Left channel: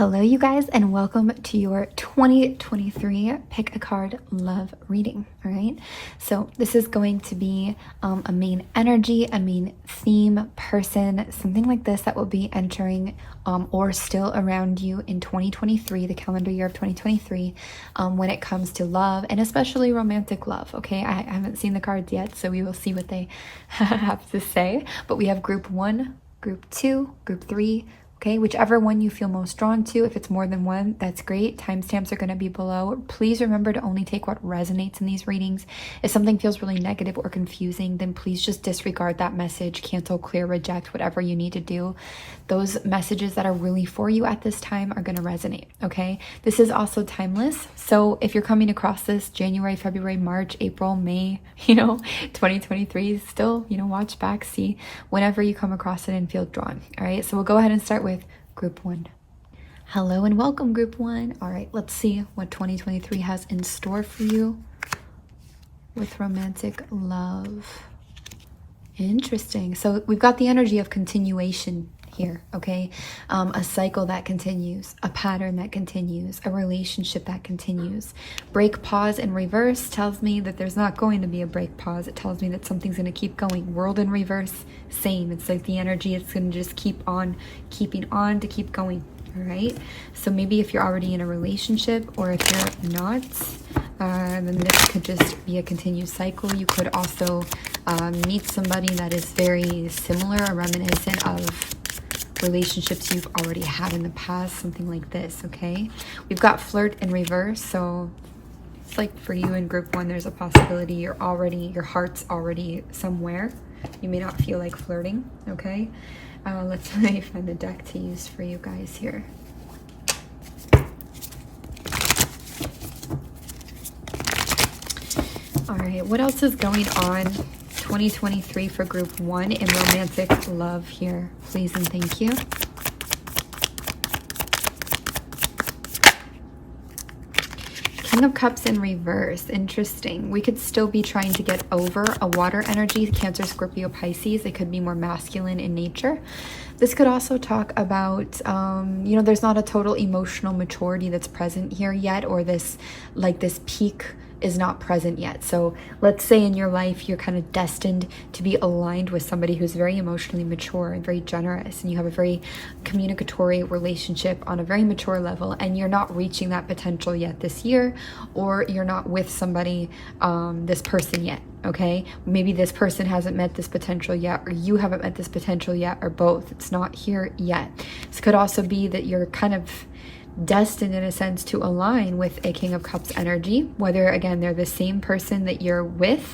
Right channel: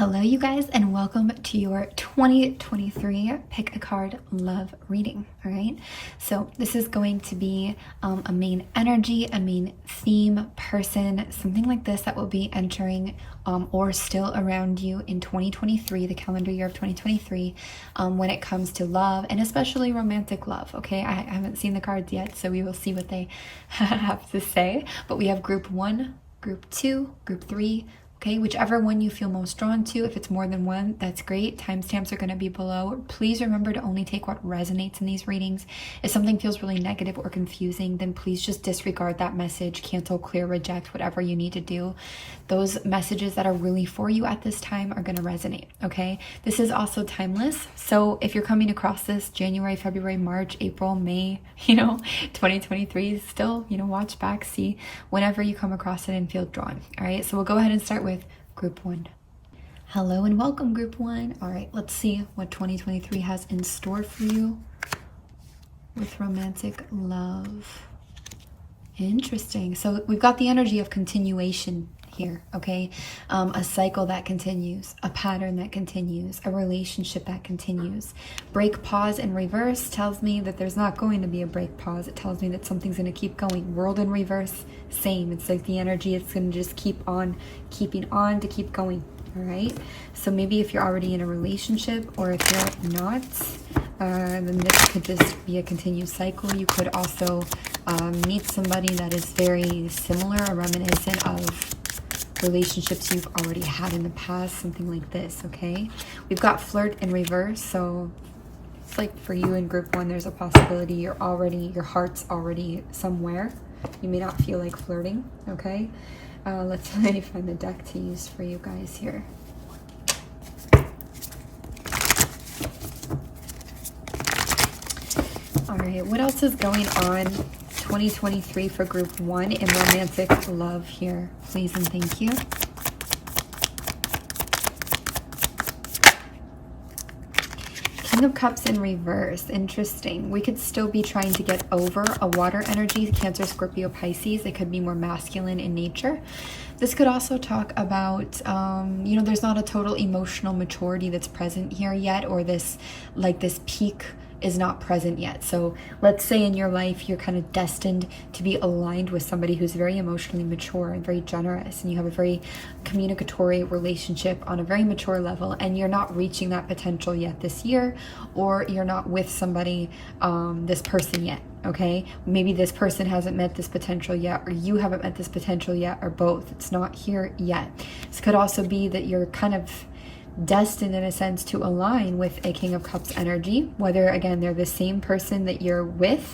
Hello you guys, and welcome to your 2023 pick a card love reading. All right, so this is going to be a main energy, a main theme, person, something like this that will be entering or still around you in 2023, the calendar year of 2023, when it comes to love, and especially romantic love. Okay, I haven't seen the cards yet, so we will see what they have to say. But we have group 1, group 2, group 3. Okay, whichever one you feel most drawn to. If it's more than one, that's great. Timestamps are going to be below. Please remember to only take what resonates in these readings. If something feels really negative or confusing, then please just disregard that message, cancel, clear, reject, whatever you need to do. Those messages that are really for you at this time are going to resonate, okay? This is also timeless. So if you're coming across this January, February, March, April, May, 2023, still, watch back, see whenever you come across it and feel drawn. All right, so we'll go ahead and start with group 1. Hello and welcome, group 1. All right, let's see what 2023 has in store for you with romantic love. Interesting. So we've got the energy of continuation here, okay? A cycle that continues, a pattern that continues, a relationship that continues. Break, pause, and reverse tells me that there's not going to be a break, pause. It tells me that something's going to keep going. World in reverse, same. It's like the energy, it's going to just keep on keeping on to keep going. All right, so maybe if you're already in a relationship, or if you're not, then this could just be a continued cycle. You could also meet somebody that is very similar or reminiscent of relationships you've already had in the past, something like this. Okay, we've got flirt in reverse, so it's like for you in group 1, there's a possibility your heart's already somewhere. You may not feel like flirting. Okay, let's find the deck to use for you guys here. All right, what else is going on 2023 for group 1 in romantic love here, please and thank you. King of Cups in reverse. Interesting. We could still be trying to get over a water energy, Cancer, Scorpio, Pisces. It could be more masculine in nature. This could also talk about, there's not a total emotional maturity that's present here yet, or this peak is not present yet. So let's say in your life you're kind of destined to be aligned with somebody who's very emotionally mature and very generous, and you have a very communicatory relationship on a very mature level, and you're not reaching that potential yet this year, or you're not with somebody, this person yet. Okay, maybe this person hasn't met this potential yet, or you haven't met this potential yet, or both. It's not here yet. This could also be that you're kind of destined in a sense to align with a King of Cups energy, whether again they're the same person that you're with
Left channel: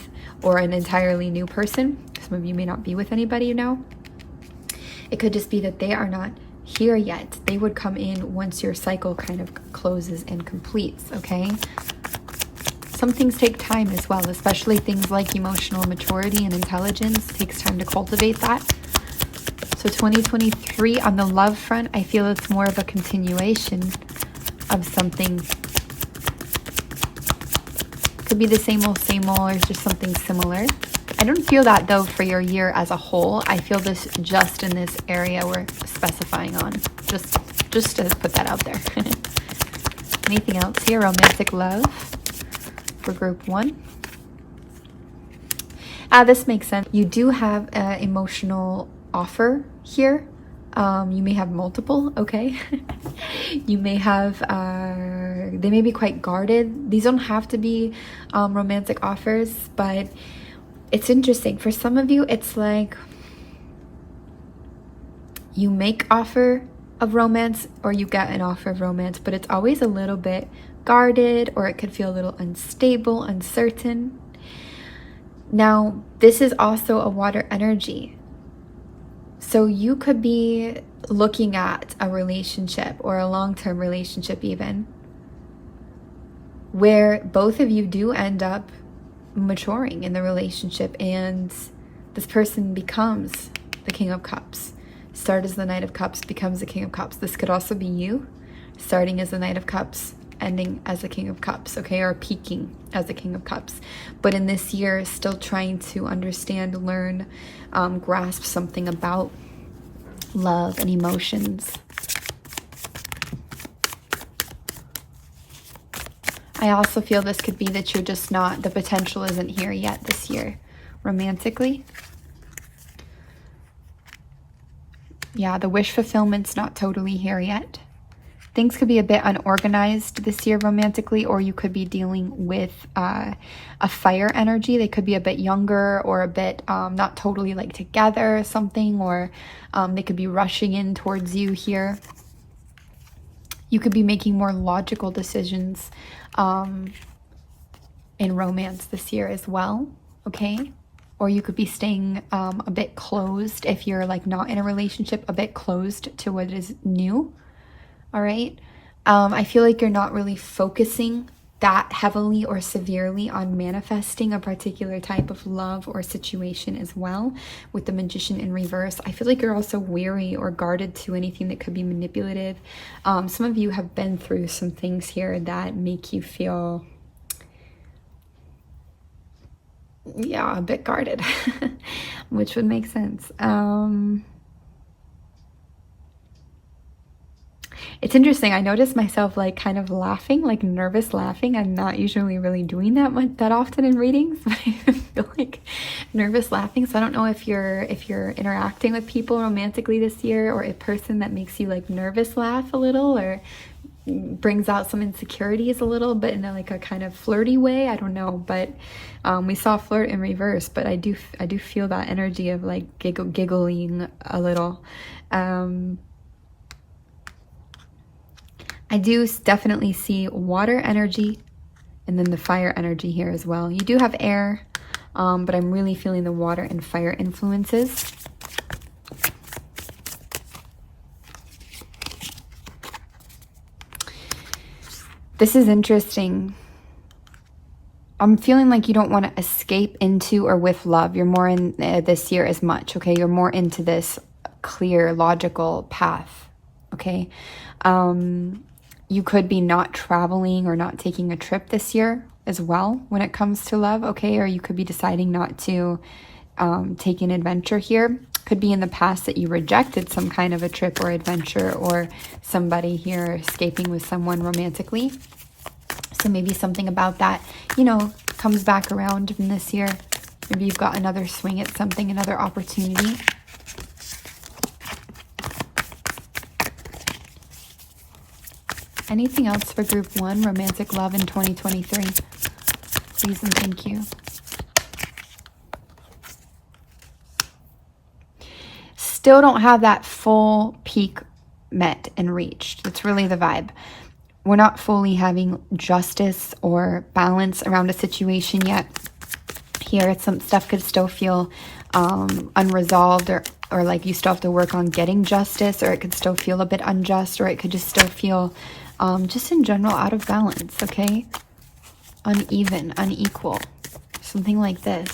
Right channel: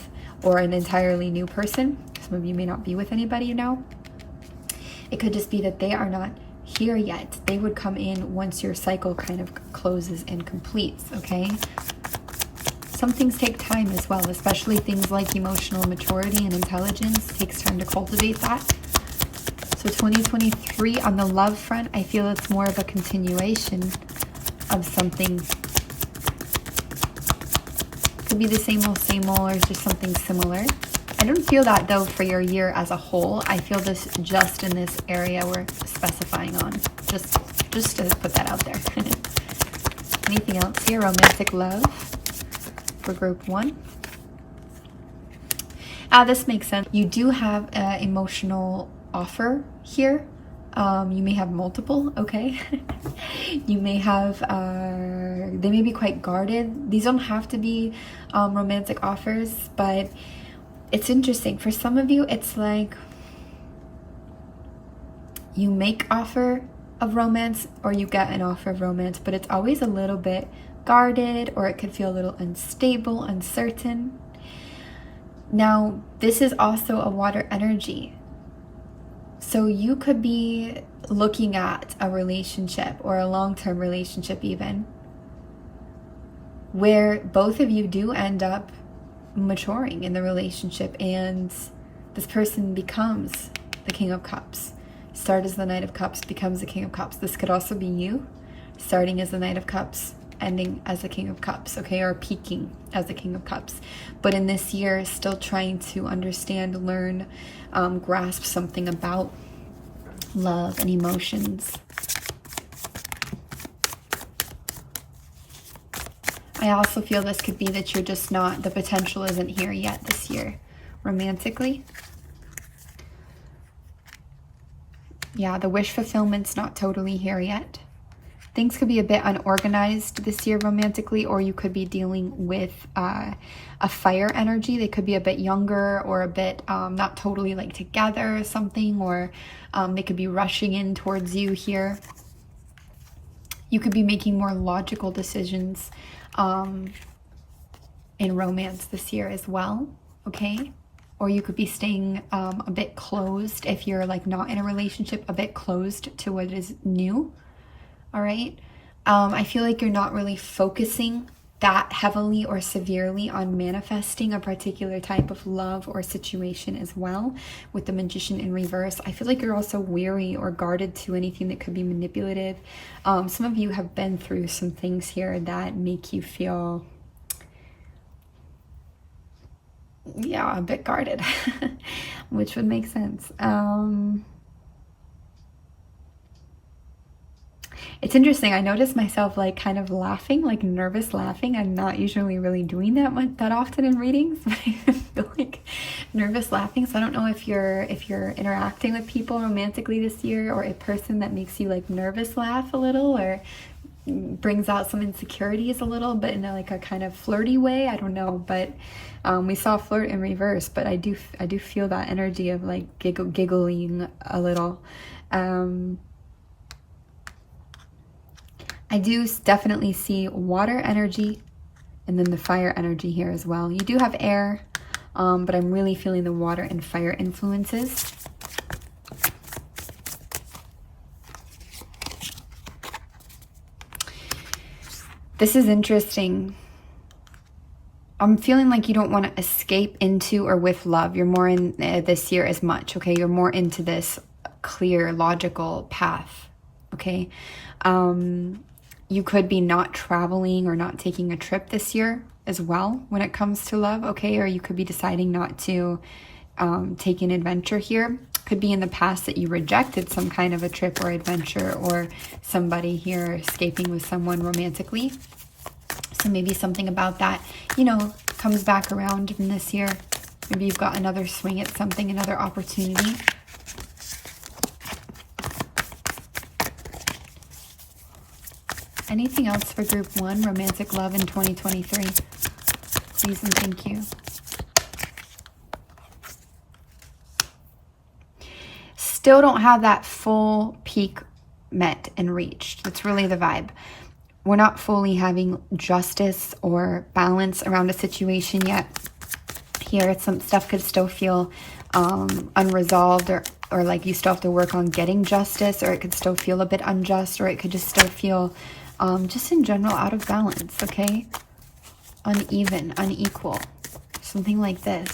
or an entirely new person. Some of you may not be with anybody It could just be that they are not here yet. They would come in once your cycle kind of closes and completes. Okay, some things take time as well, especially things like emotional maturity and intelligence. It takes time to cultivate that. So 2023 on the love front, I feel it's more of a continuation of something. Could be the same old, or just something similar. I don't feel that though for your year as a whole. I feel this just in this area we're specifying on. Just to put that out there. Anything else here? Romantic love for group 1. This makes sense. You do have an emotional offer here. You may have multiple, okay? You may have, they may be quite guarded. These don't have to be romantic offers, but it's interesting. For some of you, it's like you make offer of romance or you get an offer of romance, but it's always a little bit guarded, or it could feel a little unstable, uncertain. Now, this is also a water energy. So you could be looking at a relationship, or a long-term relationship even, where both of you do end up maturing in the relationship, and this person becomes the King of Cups. Start as the Knight of Cups, becomes the King of Cups. This could also be you starting as the Knight of Cups, ending as the King of Cups, okay, or peaking as the King of Cups. But in this year, still trying to understand, learn, grasp something about love and emotions. I also feel this could be that you're just not, the potential isn't here yet this year, romantically. Yeah, the wish fulfillment's not totally here yet. Things could be a bit unorganized this year romantically, or you could be dealing with a fire energy. They could be a bit younger or a bit not totally like together or something, or they could be rushing in towards you here. You could be making more logical decisions in romance this year as well, okay? Or you could be staying a bit closed if you're like not in a relationship, a bit closed to what is new. All right. I feel like you're not really focusing that heavily or severely on manifesting a particular type of love or situation as well. With the Magician in reverse, I feel like you're also weary or guarded to anything that could be manipulative. Some of you have been through some things here that make you feel, yeah, a bit guarded, which would make sense. It's interesting. I noticed myself like kind of laughing, like nervous laughing. I'm not usually really doing that often in readings. But I feel like nervous laughing. So I don't know if you're interacting with people romantically this year, or a person that makes you like nervous laugh a little, or brings out some insecurities a little, but in like a kind of flirty way. I don't know, but we saw flirt in reverse, but I do feel that energy of like giggling a little. I do definitely see water energy and then the fire energy here as well. You do have air, but I'm really feeling the water and fire influences. This is interesting. I'm feeling like you don't want to escape into or with love. You're more in this year as much, okay? You're more into this clear, logical path, okay? You could be not traveling or not taking a trip this year as well when it comes to love, okay? Or you could be deciding not to take an adventure here. Could be in the past that you rejected some kind of a trip or adventure, or somebody here escaping with someone romantically. So maybe something about that, you know, comes back around in this year. Maybe you've got another swing at something, another opportunity. Anything else for group 1, romantic love in 2023? Please and thank you. Still don't have that full peak met and reached. That's really the vibe. We're not fully having justice or balance around a situation yet. Here, some stuff could still feel unresolved, or like you still have to work on getting justice, or it could still feel a bit unjust, or it could just still feel just in general out of balance, okay? Uneven, unequal, something like this.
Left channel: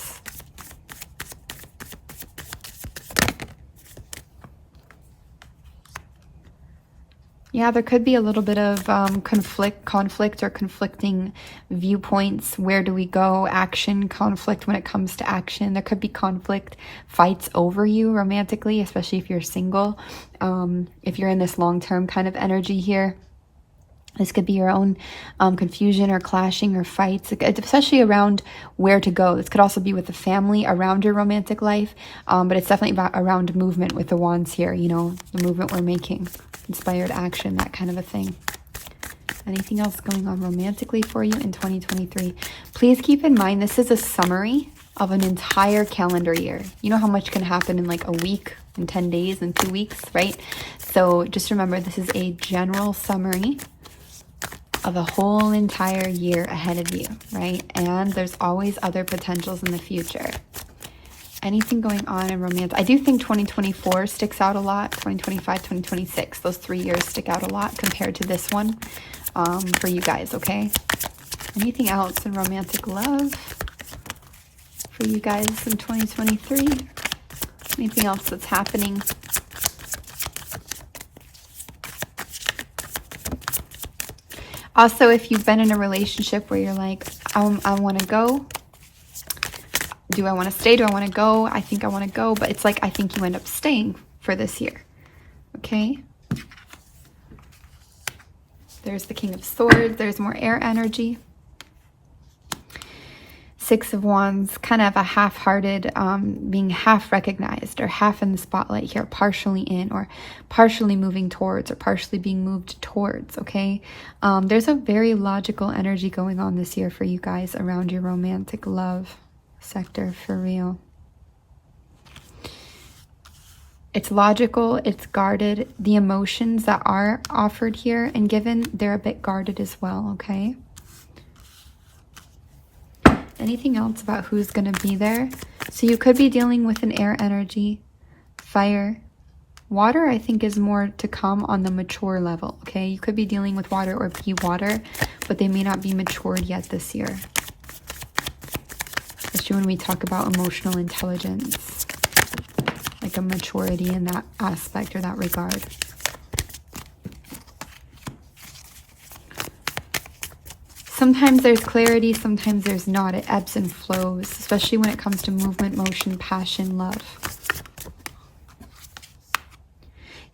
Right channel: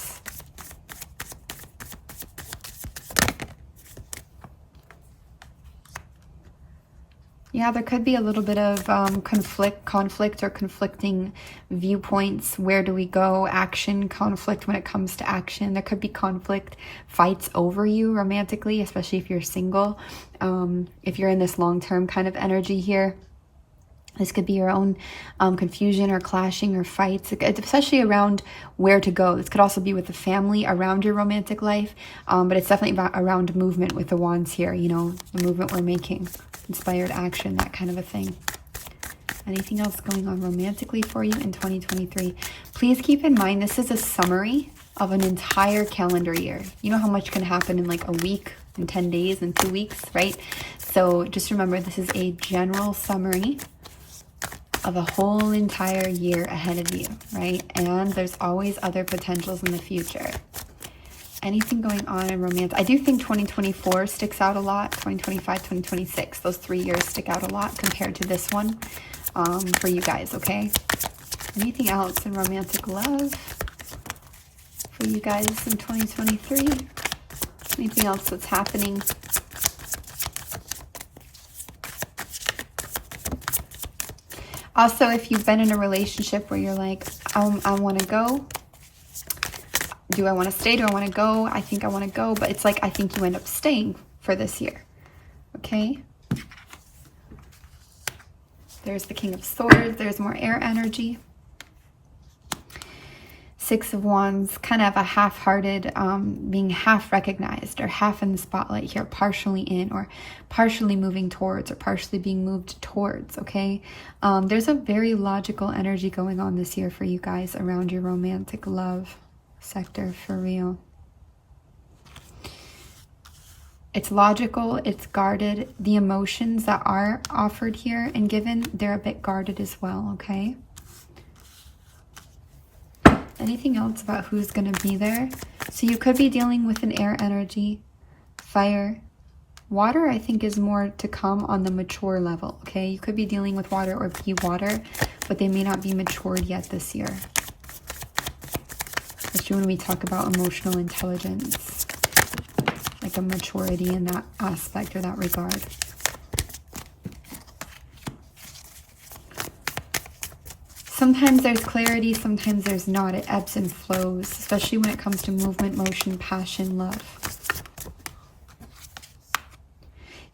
Yeah, there could be a little bit of conflict or conflicting viewpoints. Where do we go? Action, conflict when it comes to action. There could be conflict, fights over you romantically, especially if you're single. If you're in this long-term kind of energy here. This could be your own confusion or clashing or fights, especially around where to go. This could also be with the family around your romantic life, but it's definitely around movement with the wands here, you know, the movement we're making, inspired action, that kind of a thing. Anything else going on romantically for you in 2023? Please keep in mind, this is a summary of an entire calendar year. You know how much can happen in like a week, in 10 days, in 2 weeks, right? So just remember, this is a general summary of the whole entire year ahead of you, right? And there's always other potentials in the future. Anything going on in romance? I do think 2024 sticks out a lot. 2025, 2026, those 3 years stick out a lot compared to this one for you guys, okay? Anything else in romantic love for you guys in 2023? Anything else that's happening? Also, if you've been in a relationship where you're like, I want to go. Do I want to stay? Do I want to go? I think I want to go. But it's like, I think you end up staying for this year. Okay? There's the King of Swords. There's more air energy. Six of Wands, kind of a half-hearted, being half recognized or half in the spotlight here, partially in or partially moving towards or partially being moved towards, okay? There's a very logical energy going on this year for you guys around your romantic love sector, for real. It's logical, it's guarded. The emotions that are offered here and given, they're a bit guarded as well, okay? Anything else about who's going to be there? So you could be dealing with an air energy, fire. Water, I think, is more to come on the mature level, okay? You could be dealing with water or be water, but they may not be matured yet this year. Especially when we talk about emotional intelligence. Like a maturity in that aspect or that regard. Sometimes there's clarity, sometimes there's not. It ebbs and flows, especially when it comes to movement, motion, passion, love.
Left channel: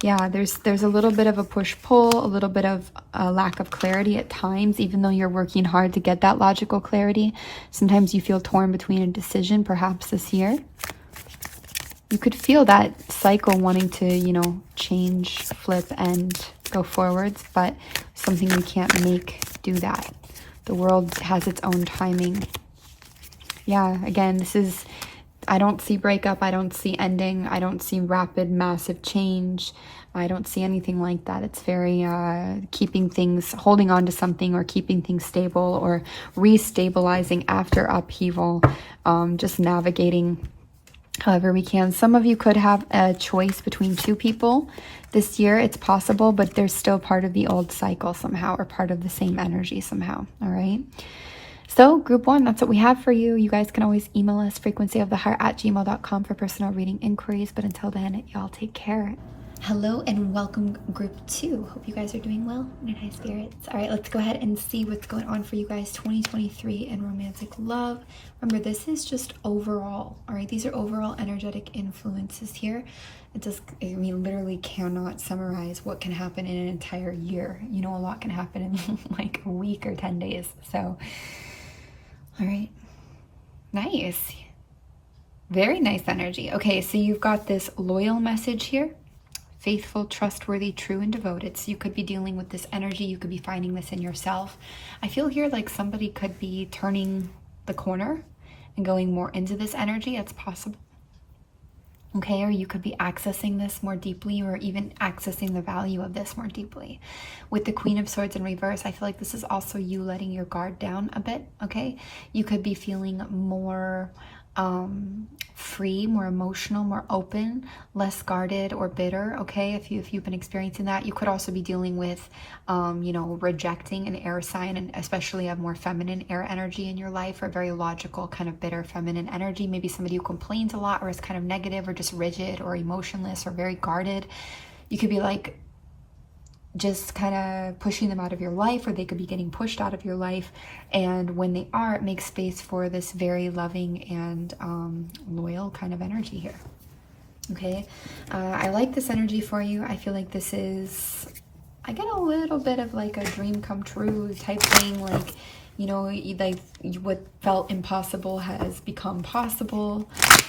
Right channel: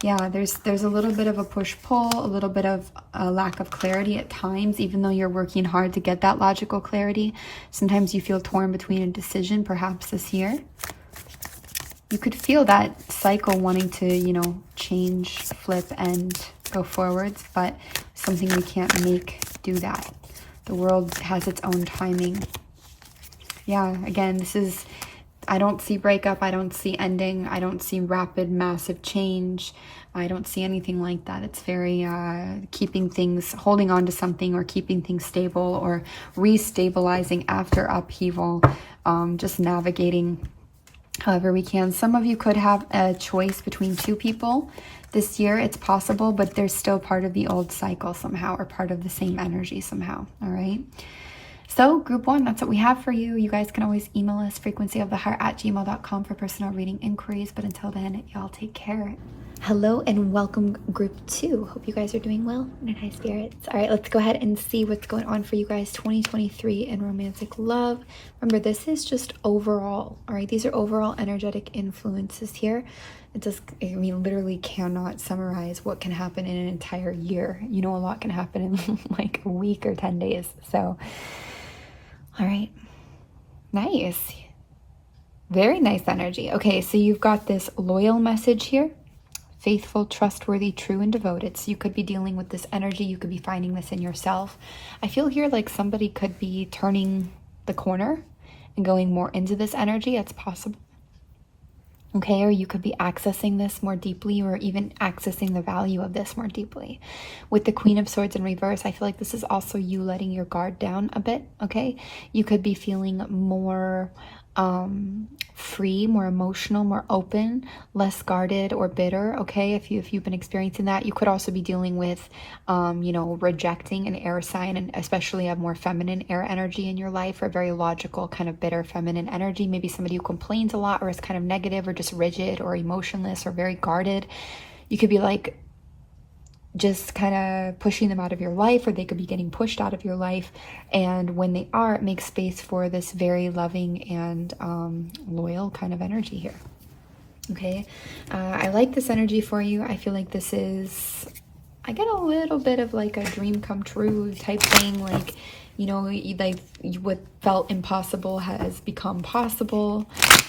Yeah, there's a little bit of a push-pull, a little bit of a lack of clarity at times, even though you're working hard to get that logical clarity. Sometimes you feel torn between a decision, perhaps this year. You could feel that cycle wanting to, you know, change, flip, and go forwards, but something we can't make do that. The world has its own timing. Yeah, again, this is, I don't see breakup, I don't see ending, I don't see rapid, massive change. I don't see anything like that. It's very keeping things, holding on to something or keeping things stable or restabilizing after upheaval, just navigating however we can. Some of you could have a choice between two people this year. It's possible, but there's still part of the old cycle somehow or part of the same energy somehow. All right. So group one, that's what we have for you. You guys can always email us frequencyoftheheart@gmail.com for personal reading inquiries. But until then, y'all take care. Hello and welcome group two. Hope you guys are doing well and in high spirits. All right, let's go ahead and see what's going on for you guys 2023 in romantic love. Remember, this is just overall. All right, these are overall energetic influences here. It just, I mean, literally cannot summarize what can happen in an entire year. You know, a lot can happen in like a week or 10 days. So, all right, nice. Very nice energy. Okay, so you've got this loyal message here. Faithful, trustworthy, true, and devoted. So you could be dealing with this energy. You could be finding this in yourself. I feel here like somebody could be turning the corner and going more into this energy. That's possible. Okay, or you could be accessing this more deeply or even accessing the value of this more deeply. With the Queen of Swords in reverse, I feel like this is also you letting your guard down a bit, okay? You could be feeling more free, more emotional, more open, less guarded or bitter, okay? If you've been experiencing that, you could also be dealing with, you know, rejecting an air sign, and especially a more feminine air energy in your life, or very logical, kind of bitter feminine energy. Maybe somebody who complains a lot or is kind of negative or just rigid or emotionless or very guarded. You could be like just kind of pushing them out of your life, or they could be getting pushed out of your life. And when they are, it makes space for this very loving and loyal kind of energy here. Okay, I like this energy for you. I feel like this is, I get a little bit of like a dream come true type thing, like, you know, like what felt impossible has become possible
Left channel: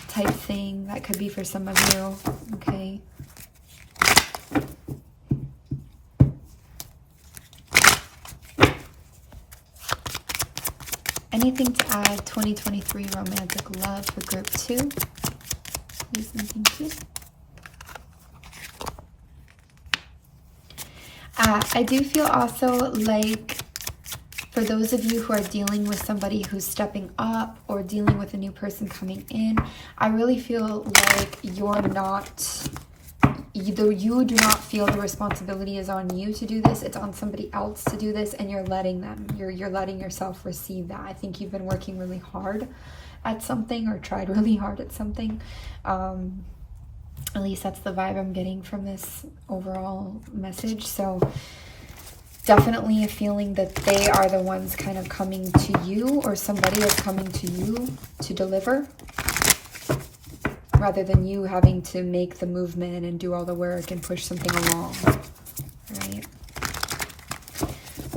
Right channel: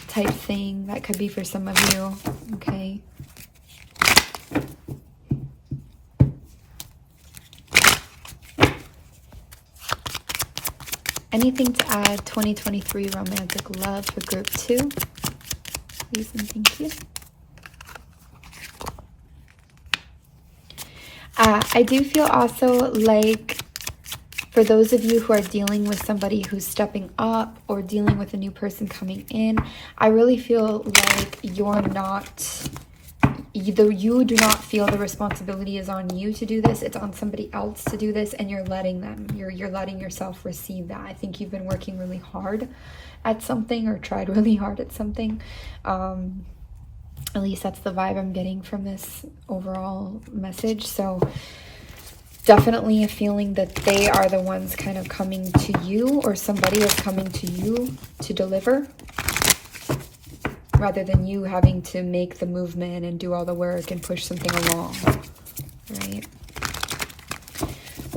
type thing. That could be for some of you. Okay. Anything to add 2023 romantic love for group two? Please and thank you. I do feel also like for those of you who are dealing with somebody who's stepping up or dealing with a new person coming in, I really feel like you're not, either you do not feel the responsibility is on you to do this, it's on somebody else to do this, and you're letting them, you're letting yourself receive that. I think you've been working really hard at something, or tried really hard at something. At least that's the vibe I'm getting from this overall message. So definitely a feeling that they are the ones kind of coming to you, or somebody is coming to you to deliver, rather than you having to make the movement and do all the work and push something along, right?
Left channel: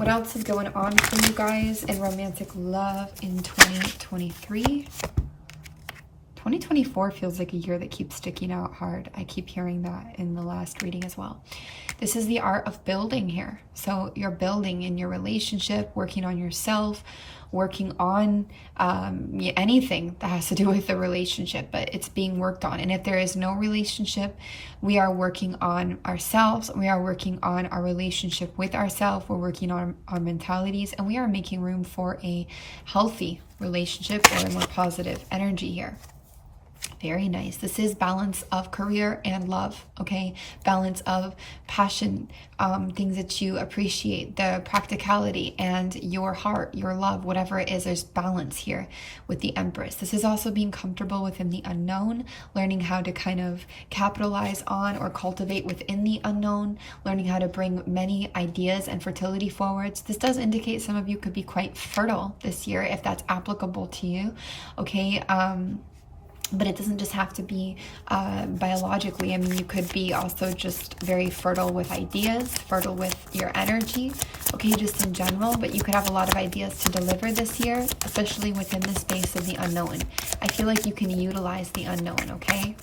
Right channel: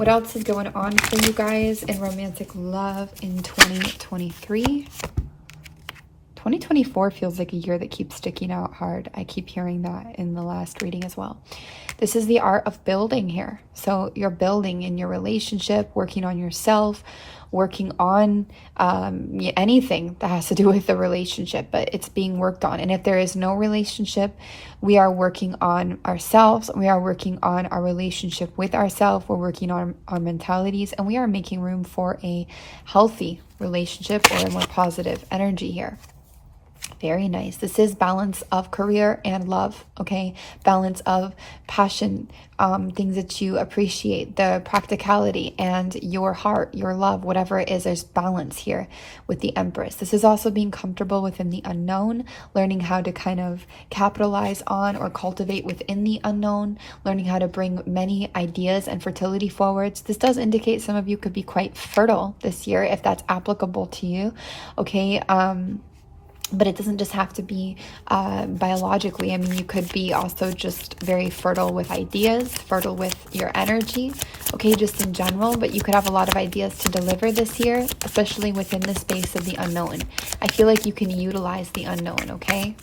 What else is going on for you guys in romantic love in 2023? 2024 feels like a year that keeps sticking out hard. I keep hearing that in the last reading as well. This is the art of building here. So you're building in your relationship, working on yourself, working on anything that has to do with the relationship, but it's being worked on. And if there is no relationship, we are working on ourselves. We are working on our relationship with ourselves. We're working on our mentalities, and we are making room for a healthy relationship or a more positive energy here. Very nice. This is balance of career and love, okay? Balance of passion, things that you appreciate, the practicality and your heart, your love, whatever it is, there's balance here with the Empress. This is also being comfortable within the unknown, learning how to kind of capitalize on or cultivate within the unknown, learning how to bring many ideas and fertility forwards. This does indicate some of you could be quite fertile this year, if that's applicable to you, okay? But it doesn't just have to be biologically. I mean, you could be also just very fertile with ideas, fertile with your energy, okay, just in general. But you could have a lot of ideas to deliver this year, especially within the space of the unknown. I feel like you can utilize the unknown, okay?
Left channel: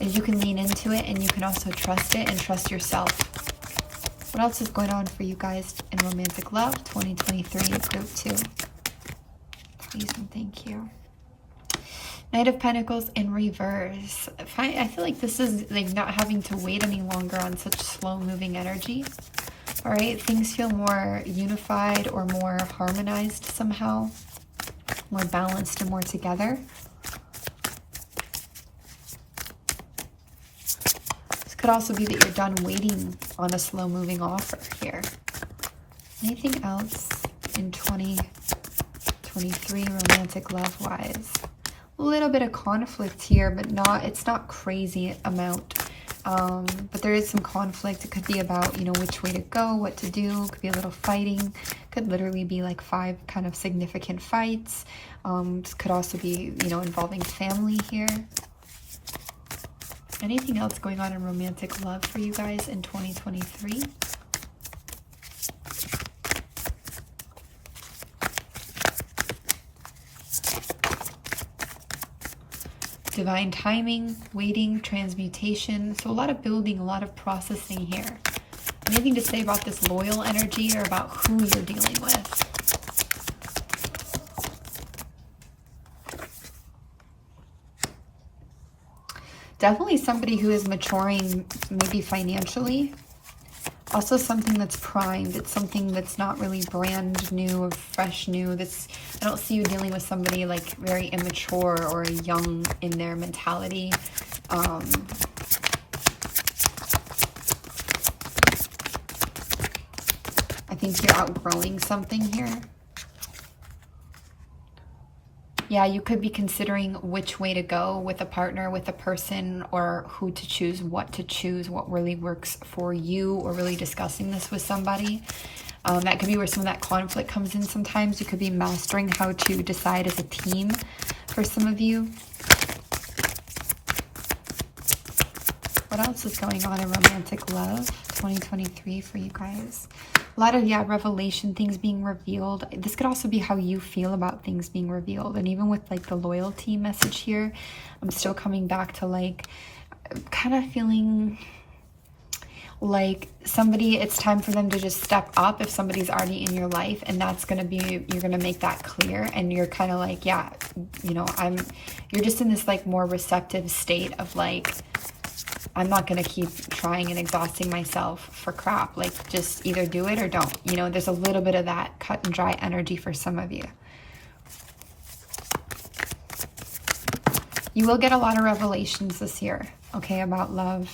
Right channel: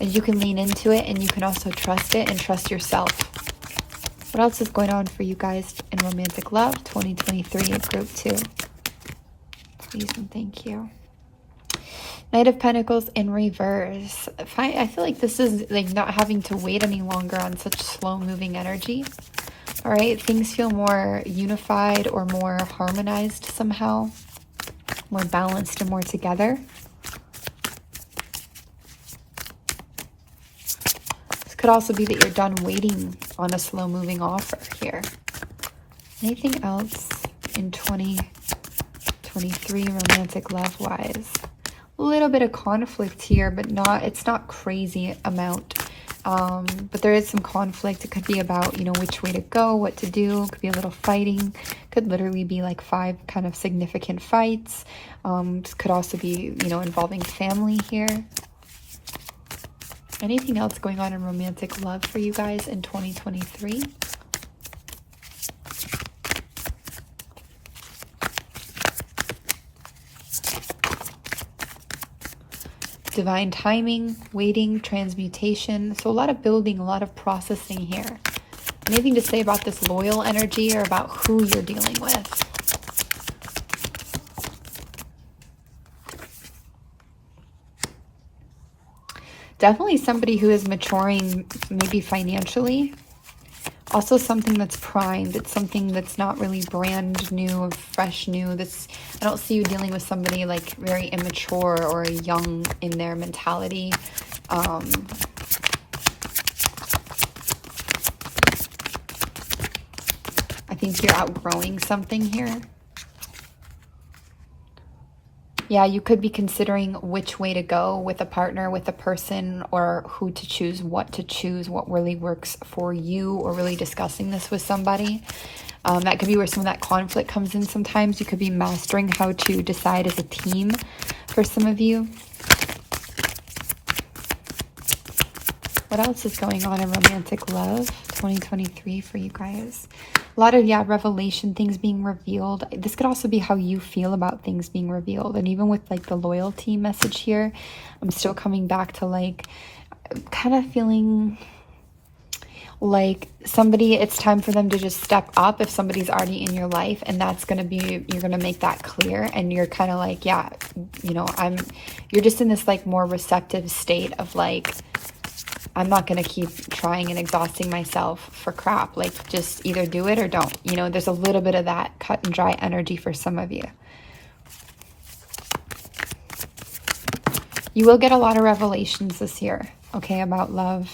And you can lean into it, and you can also trust it and trust yourself. What else is going on for you guys in romantic love 2023 group 2? Please and thank you. Knight of Pentacles in reverse. I feel like this is like not having to wait any longer on such slow moving energy. All right, things feel more unified or more harmonized somehow, more balanced and more together. This could also be that you're done waiting on a slow moving offer here. Anything else in 2023 romantic love wise? A little bit of conflict here, but it's not crazy amount. But there is some conflict. It could be about, you know, which way to go, what to do. It could be a little fighting. Could literally be like 5 kind of significant fights. This could also be, you know, involving family here. Anything else going on in romantic love for you guys in 2023? Divine timing, waiting, transmutation. So a lot of building, a lot of processing here. Anything to say about this loyal energy or about who you're dealing with? Definitely somebody who is maturing, maybe financially. Also something that's primed. It's something that's not really brand new or fresh new. I don't see you dealing with somebody like very immature or young in their mentality. I think you're outgrowing something here. Yeah, you could be considering which way to go with a partner, with a person, or who to choose, what really works for you, or really discussing this with somebody. That could be where some of that conflict comes in sometimes. You could be mastering how to decide as a team for some of you. What else is going on in romantic love 2023 for you guys? A lot of, revelation, things being revealed. This could also be how you feel about things being revealed. And even with like the loyalty message here, I'm still coming back to like kind of feeling like somebody, it's time for them to just step up if somebody's already in your life, and that's going to be, you're going to make that clear, and you're kind of like, yeah, you know, you're just in this like more receptive state of like, I'm not going to keep trying and exhausting myself for crap. Like, just either do it or don't. You know, there's a little bit of that cut and dry energy for some of you. You will get a lot of revelations this year, okay, about love.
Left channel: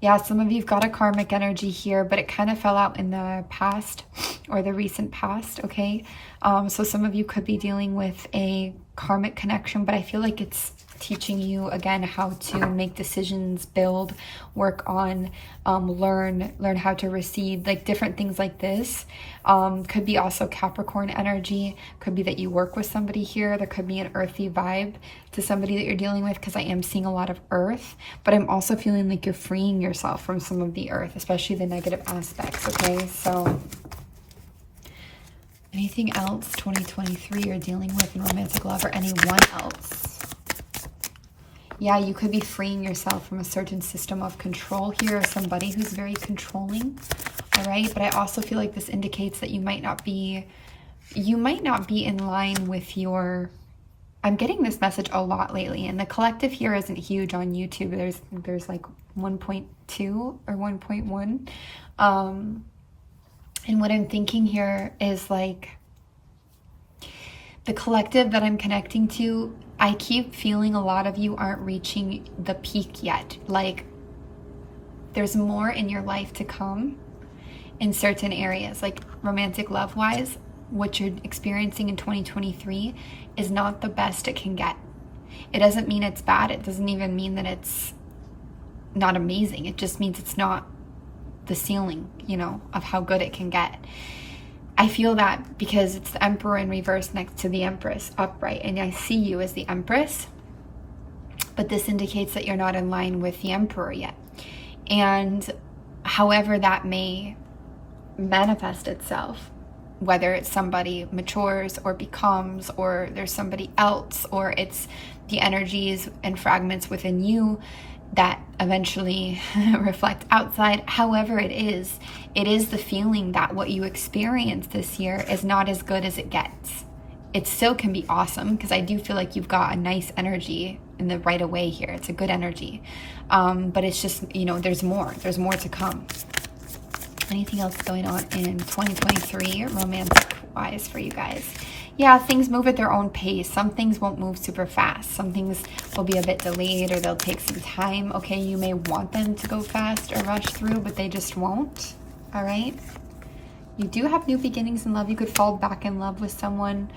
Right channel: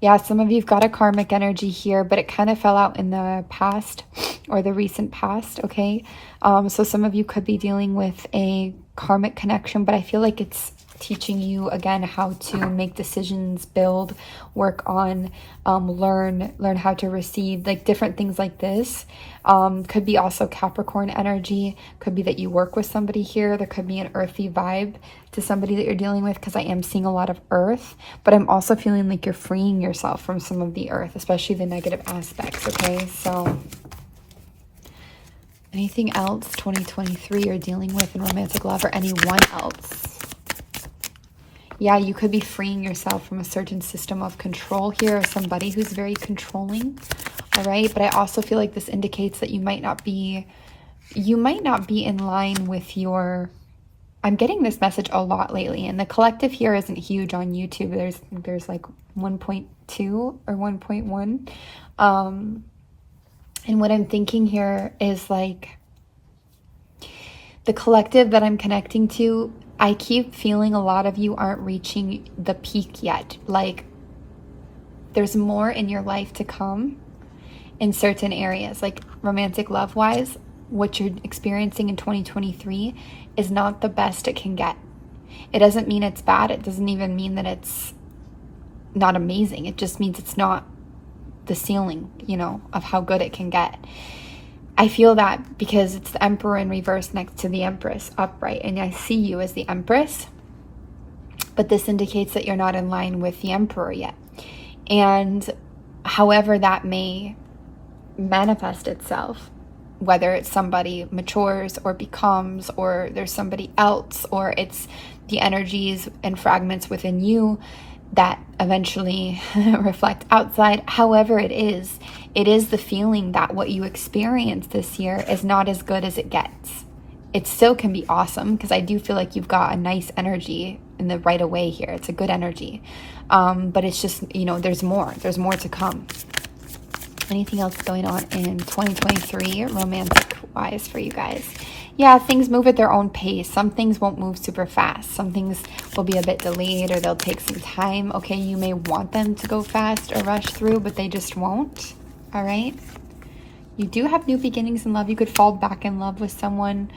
Yeah, some of you've got a karmic energy here, but it kind of fell out in the past or the recent past, okay? So some of you could be dealing with a karmic connection, but I feel like it's teaching you again how to make decisions, build, work on, learn how to receive, like different things like this. Could be also Capricorn energy. Could be that you work with somebody here. There could be an earthy vibe to somebody that you're dealing with, because I am seeing a lot of earth, but I'm also feeling like you're freeing yourself from some of the earth, especially the negative aspects, okay? So Anything else 2023 you're dealing with in romantic love, or anyone else? Yeah, you could be freeing yourself from a certain system of control here, or somebody who's very controlling. All right, but I also feel like this indicates that you might not be in line with your, I'm getting this message a lot lately, and the collective here isn't huge on YouTube. There's like 1.2 or 1.1. And what I'm thinking here is like the collective that I'm connecting to, I keep feeling a lot of you aren't reaching the peak yet. Like there's more in your life to come in certain areas, like romantic love wise. What you're experiencing in 2023 is not the best it can get. It doesn't mean it's bad. It doesn't even mean that it's not amazing. It just means it's not the ceiling, you know, of how good it can get. I feel that because it's the Emperor in reverse next to the Empress upright, and I see you as the Empress, but this indicates that you're not in line with the Emperor yet. And however that may manifest itself, whether it's somebody matures or becomes, or there's somebody else, or it's the energies and fragments within you that eventually reflect outside, however it is the feeling that what you experienced this year is not as good as it gets. It still can be awesome, because I do feel like you've got a nice energy in the right away here. It's a good energy. But it's just, you know, there's more to come. Anything else going on in 2023 romantic wise for you guys? Yeah, things move at their own pace. Some things won't move super fast. Some things will be a bit delayed, or they'll take some time. Okay, you may want them to go fast or rush through, but they just won't. All right? You do have new beginnings in love. You could fall back in love with someone.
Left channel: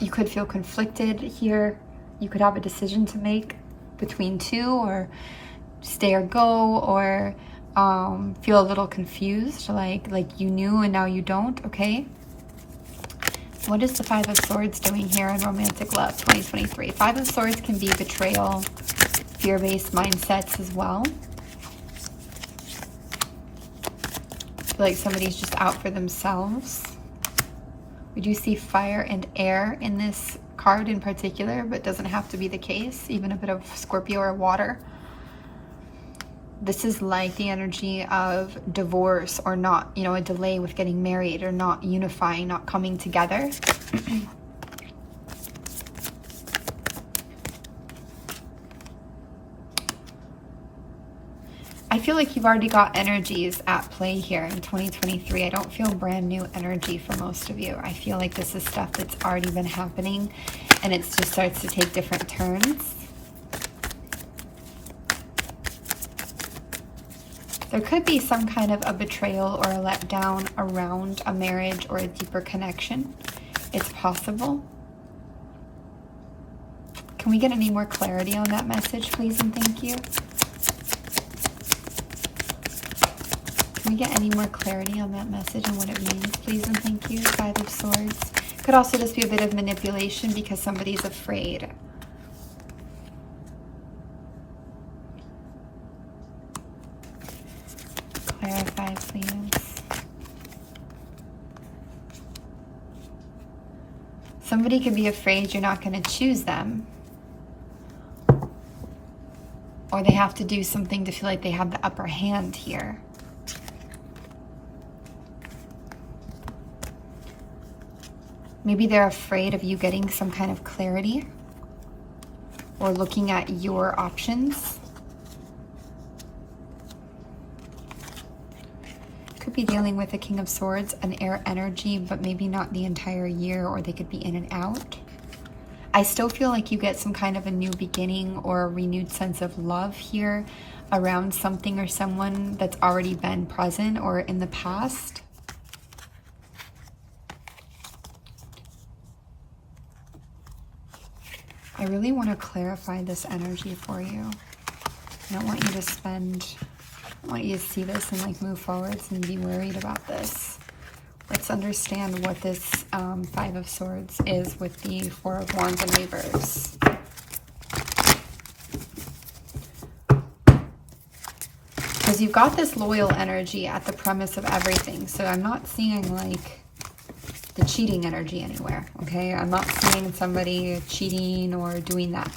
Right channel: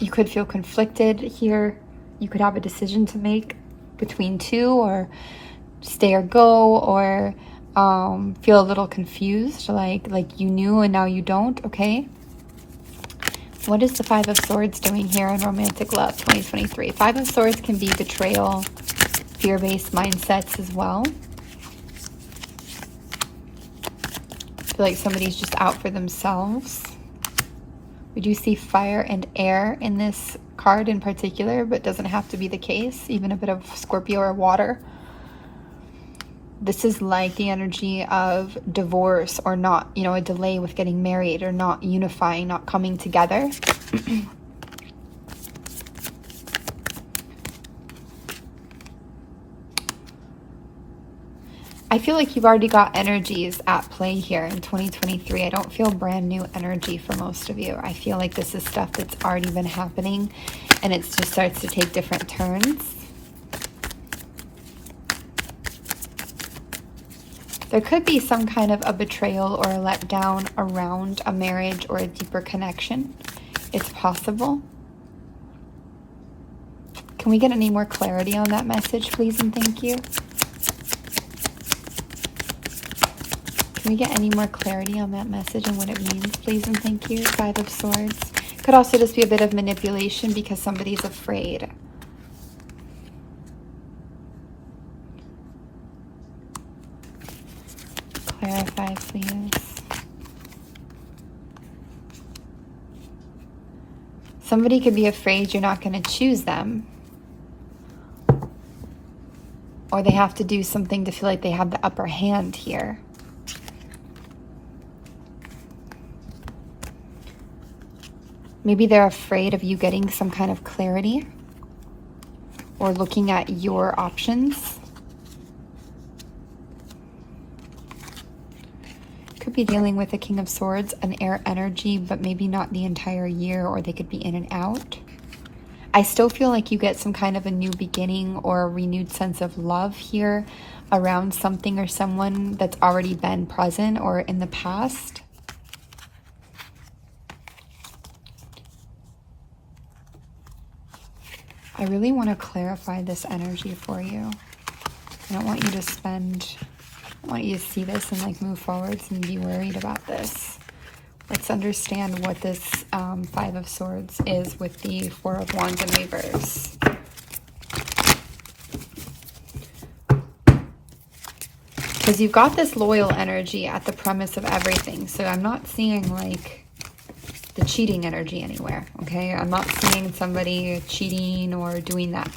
You could feel conflicted here. You could have a decision to make between two, or stay or go, or feel a little confused, like you knew and now you don't. Okay, what is the Five of Swords doing here in romantic love 2023? Five of Swords can be betrayal, fear-based mindsets as well. I feel like somebody's just out for themselves. We do see fire and air in this card in particular, but it doesn't have to be the case. Even a bit of Scorpio or water. This is like the energy of divorce, or not, you know, a delay with getting married, or not unifying, not coming together. I feel like you've already got energies at play here in 2023. I don't feel brand new energy for most of you. I feel like this is stuff that's already been happening, and it just starts to take different turns. There could be some kind of a betrayal or a letdown around a marriage or a deeper connection. It's possible. Can we get any more clarity on that message, please, and thank you? Can we get any more clarity on that message and what it means, please, and thank you? Five of Swords. Could also just be a bit of manipulation because somebody's afraid. Clarify, please. Somebody could be afraid you're not going to choose them, or they have to do something to feel like they have the upper hand here. Maybe they're afraid of you getting some kind of clarity, or looking at your options. Could be dealing with the King of Swords, an air energy, but maybe not the entire year, or they could be in and out. I still feel like you get some kind of a new beginning or a renewed sense of love here around something or someone that's already been present or in the past. I really want to clarify this energy for you. I don't want you to spend... I want you to see this and like move forwards and be worried about this. Let's understand what this Five of Swords is with the Four of Wands in reverse. Because you've got this loyal energy at the premise of everything. So I'm not seeing like the cheating energy anywhere, okay? I'm not seeing somebody cheating or doing that.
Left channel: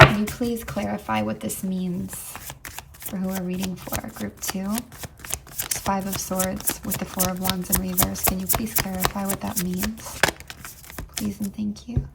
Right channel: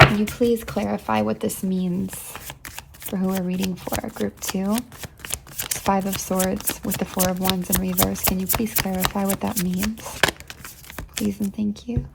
Can you please clarify what this means for who we're reading for? Group 2, Five of Swords with the Four of Wands in reverse. Can you please clarify what that means? Please and thank you.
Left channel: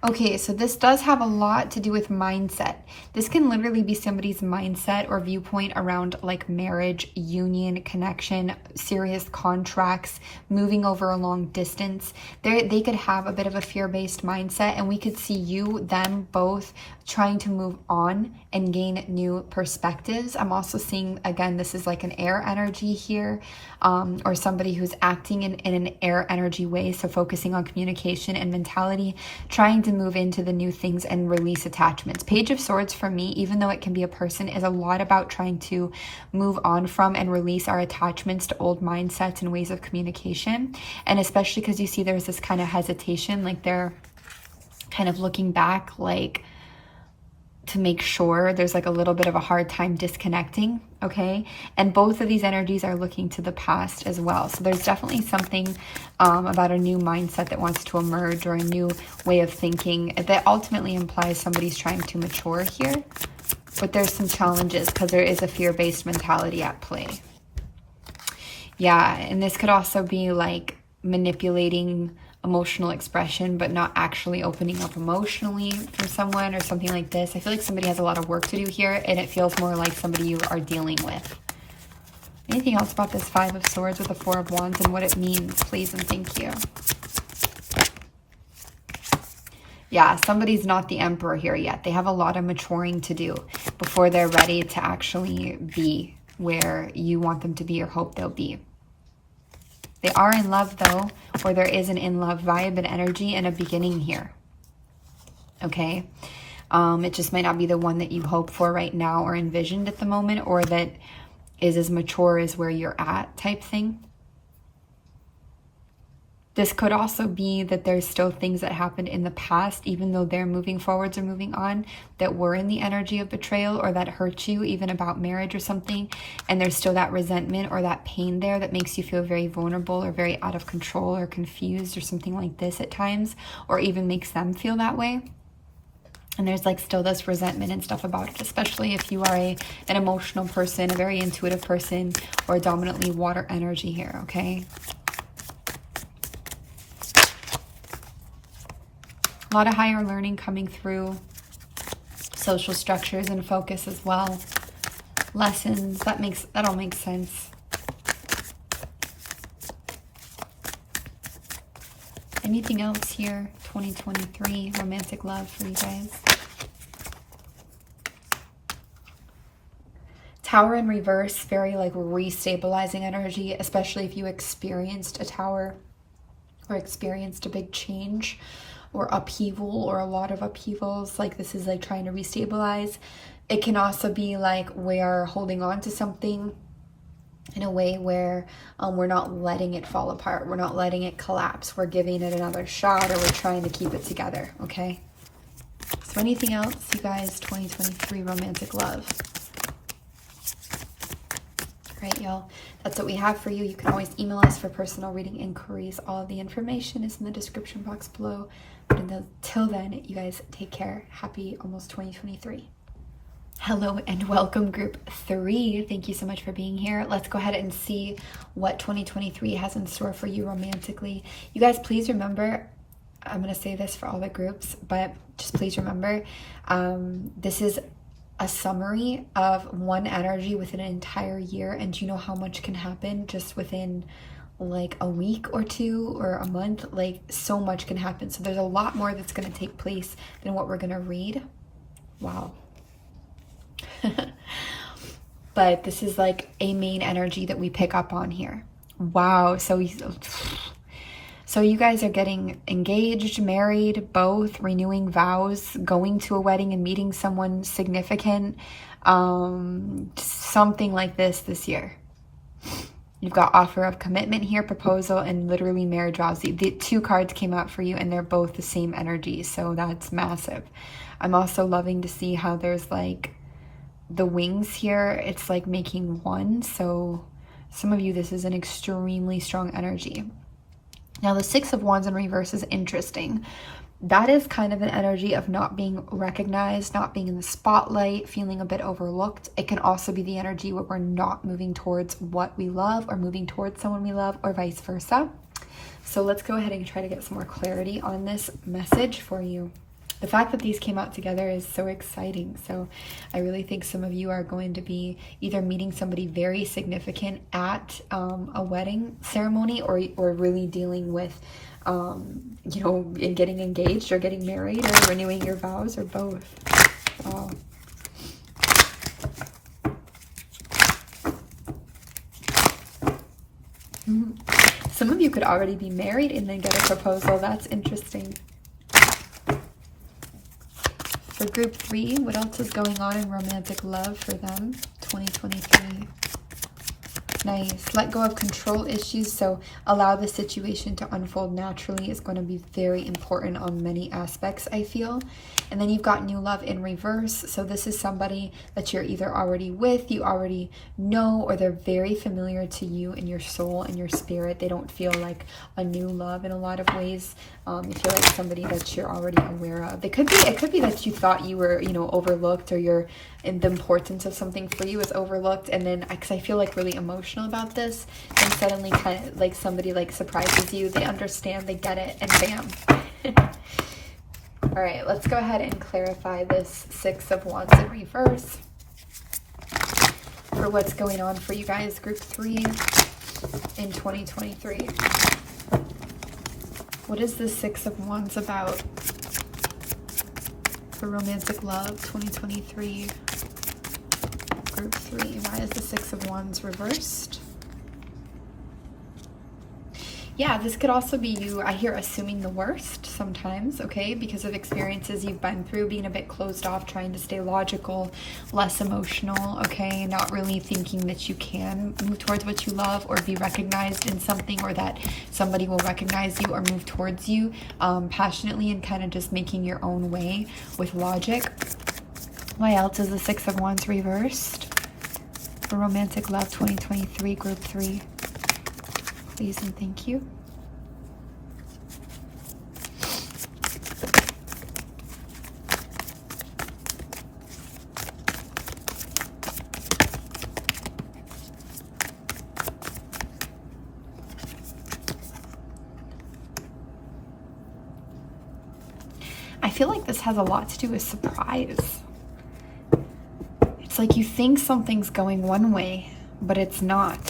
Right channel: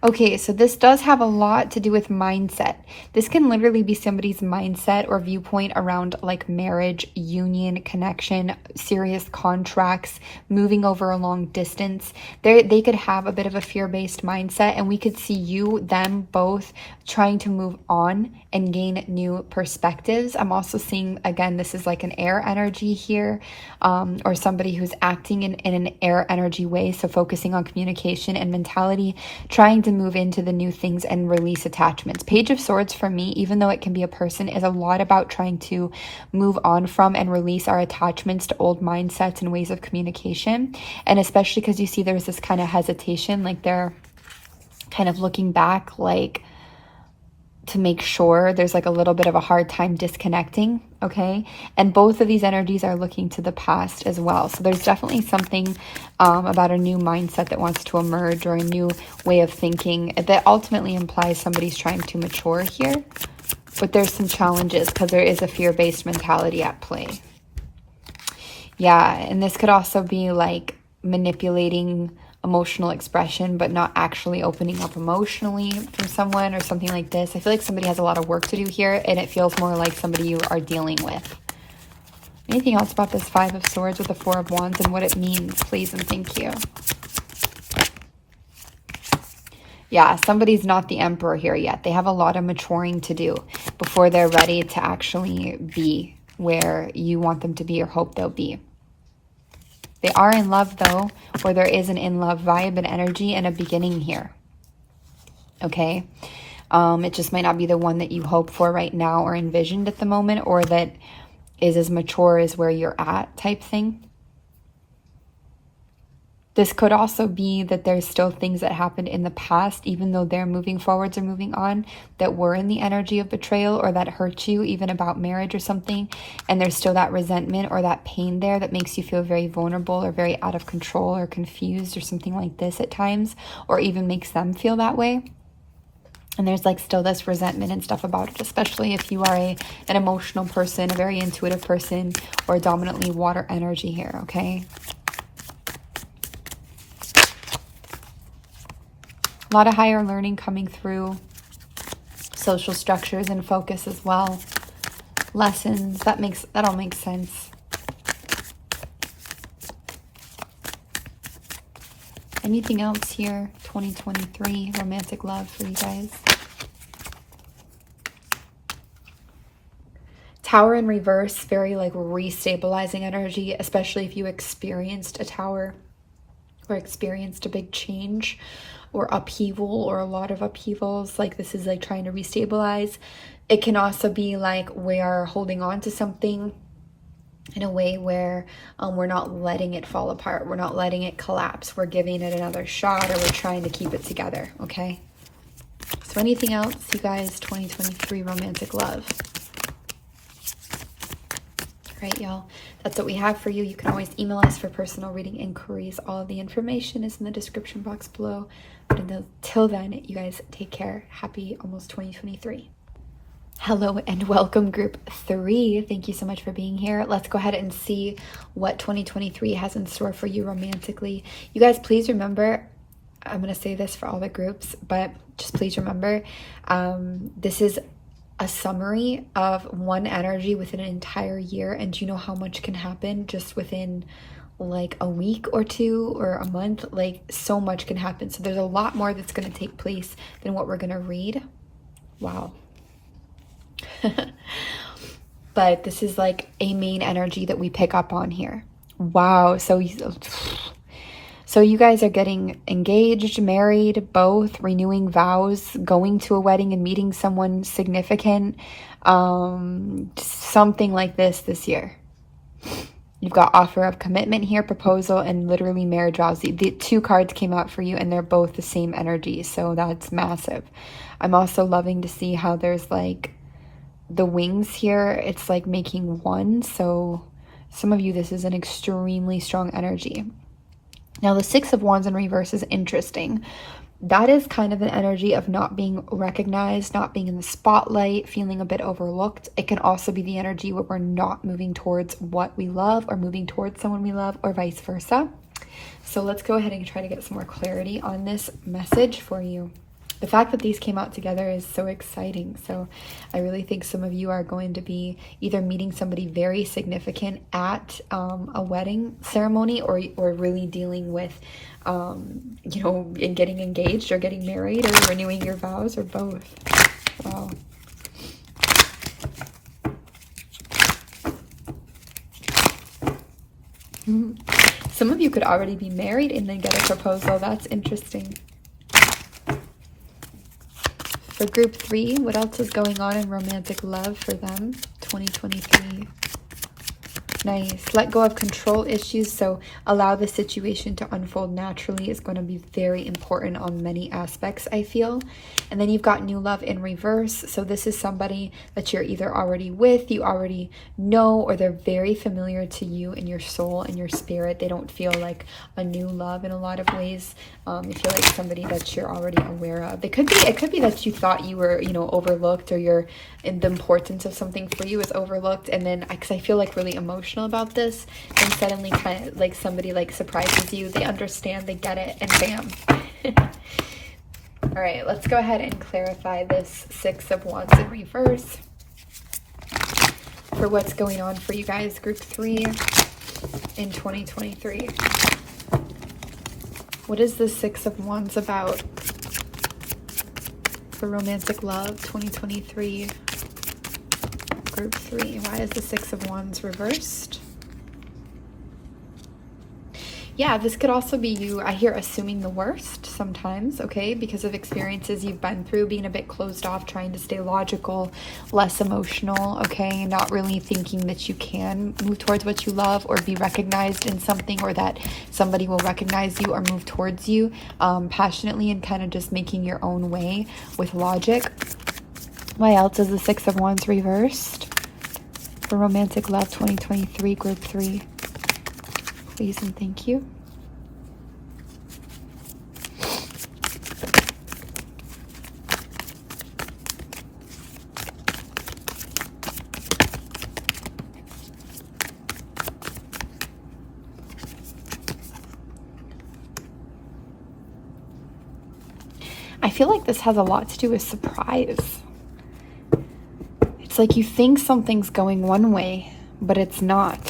Okay, so this does have a lot to do with mindset. This can literally be somebody's mindset or viewpoint around like marriage, union, connection, serious contracts, moving over a long distance. They could have a bit of a fear-based mindset, and we could see you, them both trying to move on and gain new perspectives. I'm also seeing, again, this is like an air energy here, or somebody who's acting in an air energy way. So focusing on communication and mentality, trying to move into the new things and release attachments. Page of Swords for me, even though it can be a person, is a lot about trying to move on from and release our attachments to old mindsets and ways of communication. And especially because you see there's this kind of hesitation, like they're kind of looking back, like to make sure. There's like a little bit of a hard time disconnecting, okay? And both of these energies are looking to the past as well. So there's definitely something about a new mindset that wants to emerge, or a new way of thinking that ultimately implies somebody's trying to mature here. But there's some challenges because there is a fear-based mentality at play. Yeah, and this could also be like manipulating emotional expression, but not actually opening up emotionally for someone or something like this. I feel like somebody has a lot of work to do here, and it feels more like somebody you are dealing with. Anything else about this Five of Swords with the Four of Wands and what it means, please and thank you. Yeah, somebody's not the Emperor here yet. They have a lot of maturing to do before they're ready to actually be where you want them to be or hope they'll be. They are in love though, or there is an in love vibe and energy and a beginning here. Okay? It just might not be the one that you hope for right now or envisioned at the moment, or that is as mature as where you're at type thing. This could also be that there's still things that happened in the past, even though they're moving forwards or moving on, that were in the energy of betrayal or that hurt you, even about marriage or something. And there's still that resentment or that pain there that makes you feel very vulnerable or very out of control or confused or something like this at times, or even makes them feel that way. And there's like still this resentment and stuff about it, especially if you are an emotional person, a very intuitive person, or a dominantly water energy here, okay? A lot of higher learning coming through, social structures and focus as well. Lessons, that all makes sense. Anything else here? 2023 romantic love for you guys. Tower in reverse, very like restabilizing energy, especially if you experienced a tower or experienced a big change or upheaval or a lot of upheavals. Like this is like trying to restabilize. It can also be like we are holding on to something in a way where we're not letting it fall apart. We're not letting it collapse. We're giving it another shot, or we're trying to keep it together, okay? So anything else, you guys, 2023 romantic love? Great, y'all. That's what we have for you. You can always email us for personal reading inquiries. All of the information is in the description box below. But until then, you guys take care. Happy almost 2023. Hello and welcome group 3. Thank you so much for being here. Let's go ahead and see what 2023 has in store for you romantically. You guys, please remember, I'm going to say this for all the groups, but just please remember, this is a summary of one energy within an entire year. And do you know how much can happen just within like a week or two or a month? Like so much can happen. So there's a lot more that's going to take place than what we're going to read. Wow. But this is like a main energy that we pick up on here. Wow. So you guys are getting engaged, married, both, renewing vows, going to a wedding and meeting someone significant, something like this year. You've got offer of commitment here, proposal, and literally marriage vows. The 2 cards came out for you and they're both the same energy, so that's massive. I'm also loving to see how there's like the wings here. It's like making one. So some of you, this is an extremely strong energy. Now the Six of Wands in reverse is interesting. That is kind of an energy of not being recognized, not being in the spotlight, feeling a bit overlooked. It can also be the energy where we're not moving towards what we love or moving towards someone we love, or vice versa. So let's go ahead and try to get some more clarity on this message for you. The fact that these came out together is so exciting. So I really think some of you are going to be either meeting somebody very significant at a wedding ceremony, or really dealing with, you know, getting engaged or getting married or renewing your vows, or both. Wow. Some of you could already be married and then get a proposal. That's interesting. For group 3, what else is going on in romantic love for them? 2023. Nice. Let go of control issues. So allow the situation to unfold naturally is going to be very important on many aspects, I feel. And then you've got new love in reverse. So this is somebody that you're either already with, you already know, or they're very familiar to you in your soul and your spirit. They don't feel like a new love in a lot of ways. You feel like somebody that you're already aware of. It could be that you thought you were, you know, overlooked, or the importance of something for you is overlooked, and then because I feel like really emotional about this, and suddenly kind of like somebody like surprises you, they understand, they get it, and bam. All right, let's go ahead and clarify this Six of Wands in reverse for what's going on for you guys, group 3 in 2023. What is the Six of Wands about for romantic love 2023? Group 3. Why is the Six of Wands reversed? Yeah, this could also be you, I hear, assuming the worst sometimes, okay? Because of experiences you've been through, being a bit closed off, trying to stay logical, less emotional, okay? Not really thinking that you can move towards what you love or be recognized in something, or that somebody will recognize you or move towards you passionately, and kind of just making your own way with logic. Why else is the Six of Wands reversed for romantic love 2023, group 3? Please and thank you. I feel like this has a lot to do with surprise. It's like you think something's going one way, but it's not.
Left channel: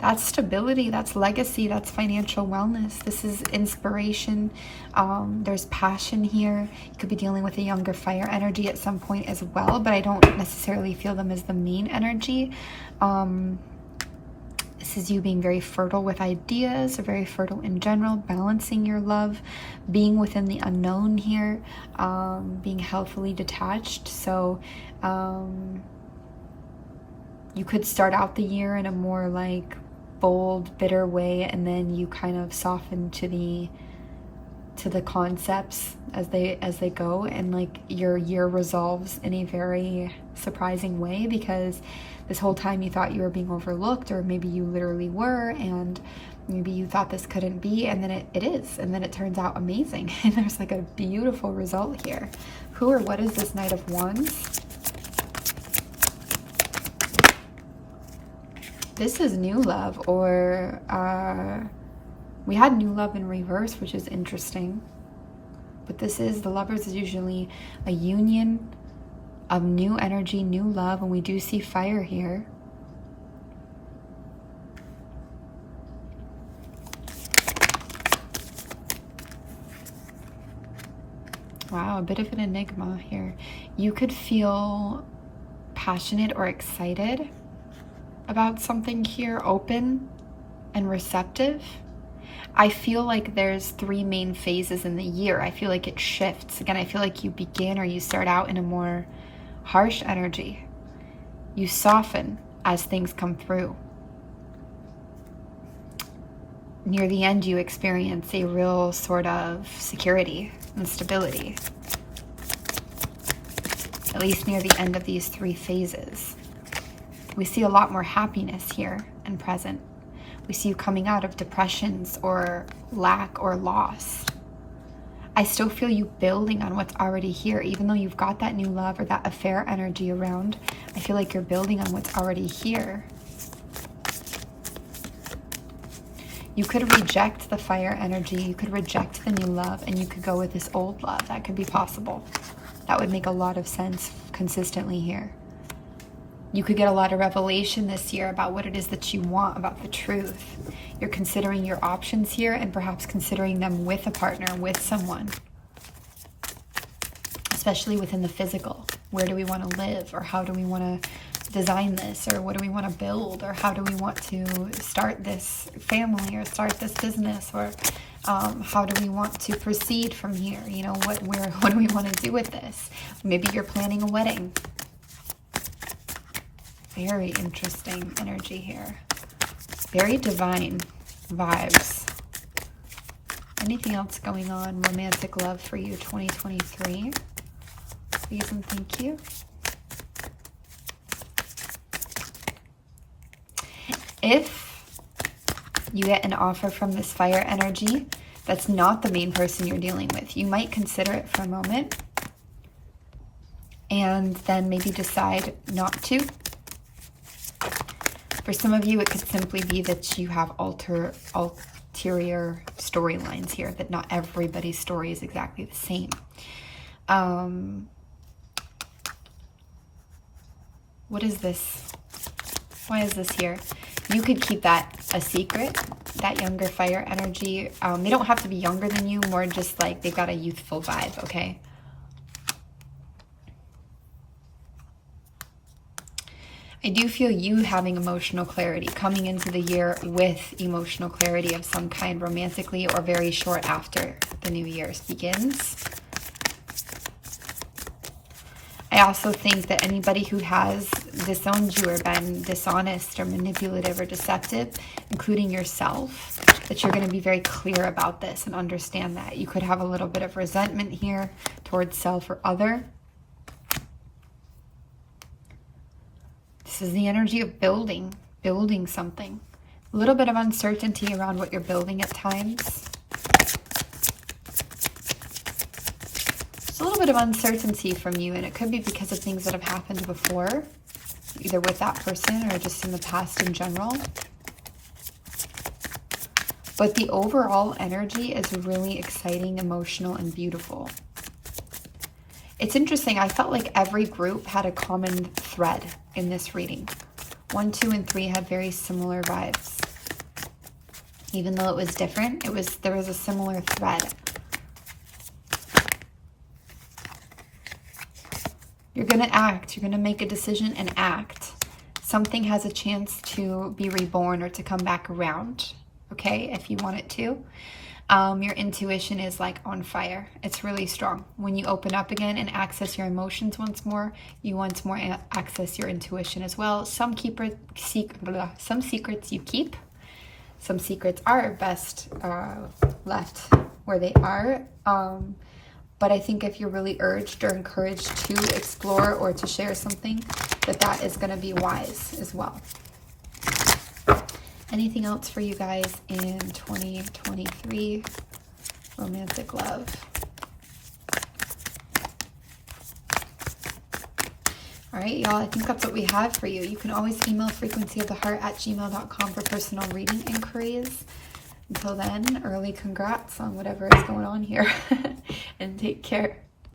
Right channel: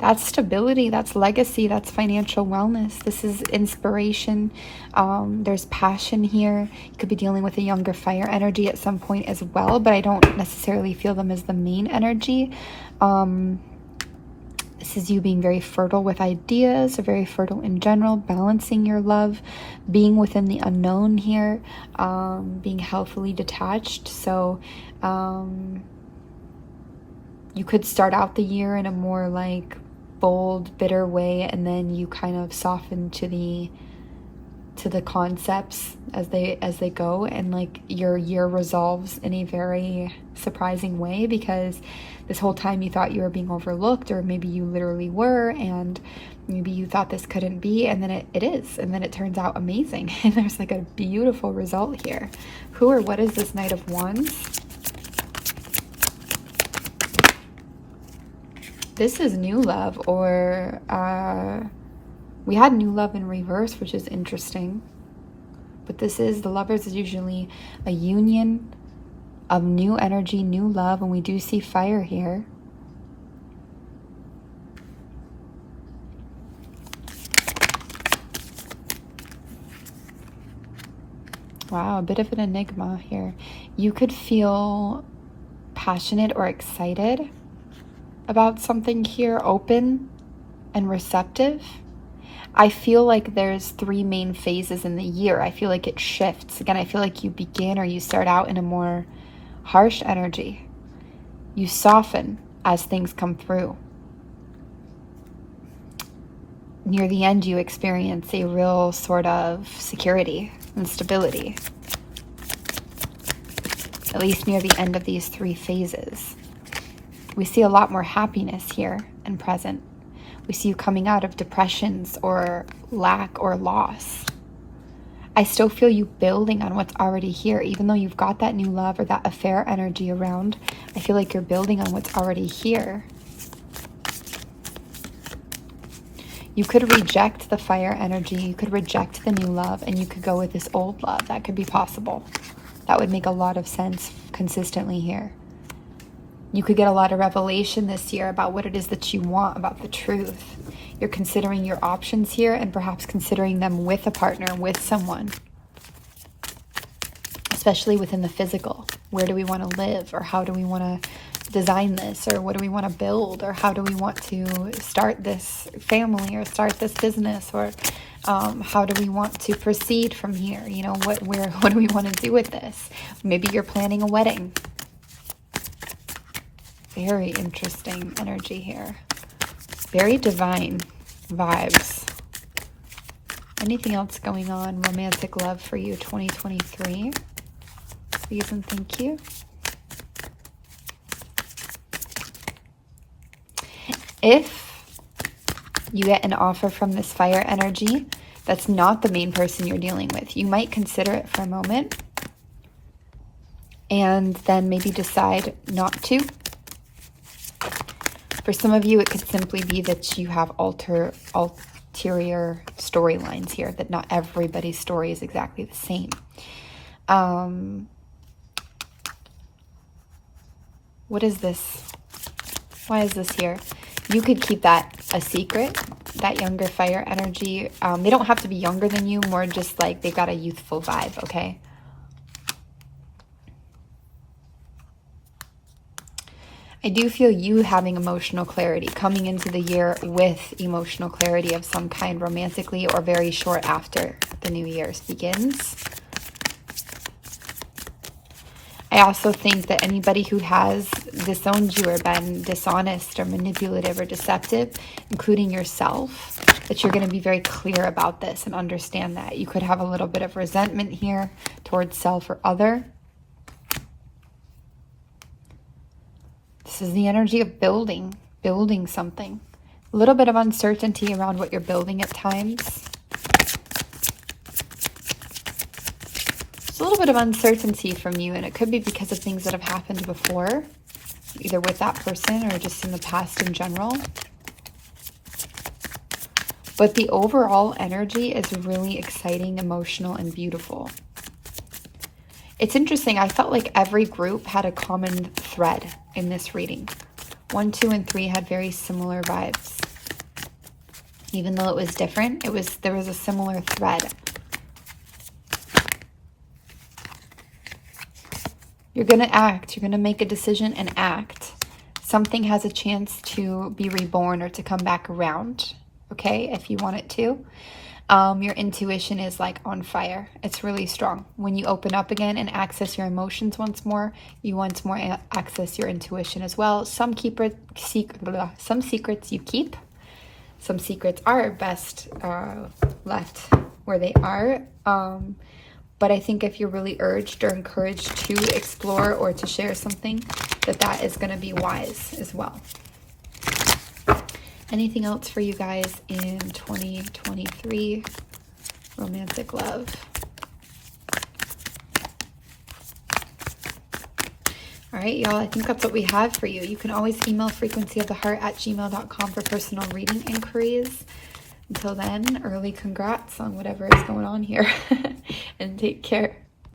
That's stability, that's legacy, that's financial wellness. This is inspiration. There's passion here. You could be dealing with a younger fire energy at some point as well, but I don't necessarily feel them as the main energy. This is you being very fertile with ideas, or very fertile in general, balancing your love, being within the unknown here, being healthily detached. So you could start out the year in a more like bold, bitter way, and then you kind of soften to the concepts as they go, and like your year resolves in a very surprising way, because this whole time you thought you were being overlooked, or maybe you literally were, and maybe you thought this couldn't be, and then it is, and then it turns out amazing, and there's like a beautiful result here. Who or what is this Knight of Wands? This is new love, or we had new love in reverse, which is interesting. But this is, the Lovers is usually a union of new energy, new love, and we do see fire here. Wow, a bit of an enigma here. You could feel passionate or excited about something here, open and receptive. I feel like there's 3 main phases in the year. I feel like it shifts. Again, I feel like you begin, or you start out in a more harsh energy. You soften as things come through. near the end, you experience a real sort of security and stability. At least near the end of these 3 phases. We see a lot more happiness here and present. We see you coming out of depressions or lack or loss. I still feel you building on what's already here. Even though you've got that new love or that affair energy around, I feel like you're building on what's already here. You could reject the fire energy, you could reject the new love, and you could go with this old love. That could be possible. That would make a lot of sense consistently here. You could get a lot of revelation this year about what it is that you want, about the truth. You're considering your options here and perhaps considering them with a partner, with someone. Especially within the physical. Where do we want to live? Or how do we want to design this? Or what do we want to build? Or how do we want to start this family or start this business? Or how do we want to proceed from here? You know, what do we want to do with this? Maybe you're planning a wedding. Very interesting energy here. Very divine vibes. Anything else going on? Romantic love for you, 2023. Please and thank you. If you get an offer from this fire energy that's not the main person you're dealing with, you might consider it for a moment and then maybe decide not to. For some of you, it could simply be that you have ulterior storylines here, that not everybody's story is exactly the same. What is this? Why is this here? You could keep that a secret, that younger fire energy. They don't have to be younger than you, more just like they've got a youthful vibe, okay? I do feel you having emotional clarity, coming into the year with emotional clarity of some kind, romantically or very short after the new year begins. I also think that anybody who has disowned you or been dishonest or manipulative or deceptive, including yourself, that you're going to be very clear about this and understand that. You could have a little bit of resentment here towards self or other. This is the energy of building something. A little bit of uncertainty around what you're building at times. It's a little bit of uncertainty from you, and it could be because of things that have happened before, either with that person or just in the past in general. But the overall energy is really exciting, emotional, and beautiful. It's interesting, I felt like every group had a common thread in this reading. 1, 2, and 3 had very similar vibes. Even though it was different, there was a similar thread. You're going to act, you're going to make a decision and act. Something has a chance to be reborn or to come back around, okay, if you want it to. Your intuition is like on fire. It's really strong. When you open up again and access your emotions once more, you once more access your intuition as well. Some secrets you keep. Some secrets are best left where they are. But I think if you're really urged or encouraged to explore or to share something, that is going to be wise as well. Anything else for you guys in 2023? Romantic love. All right, y'all, I think that's what we have for you. You can always email frequencyoftheheart@gmail.com for personal reading inquiries. Until then, early congrats on whatever is going on here. And take care.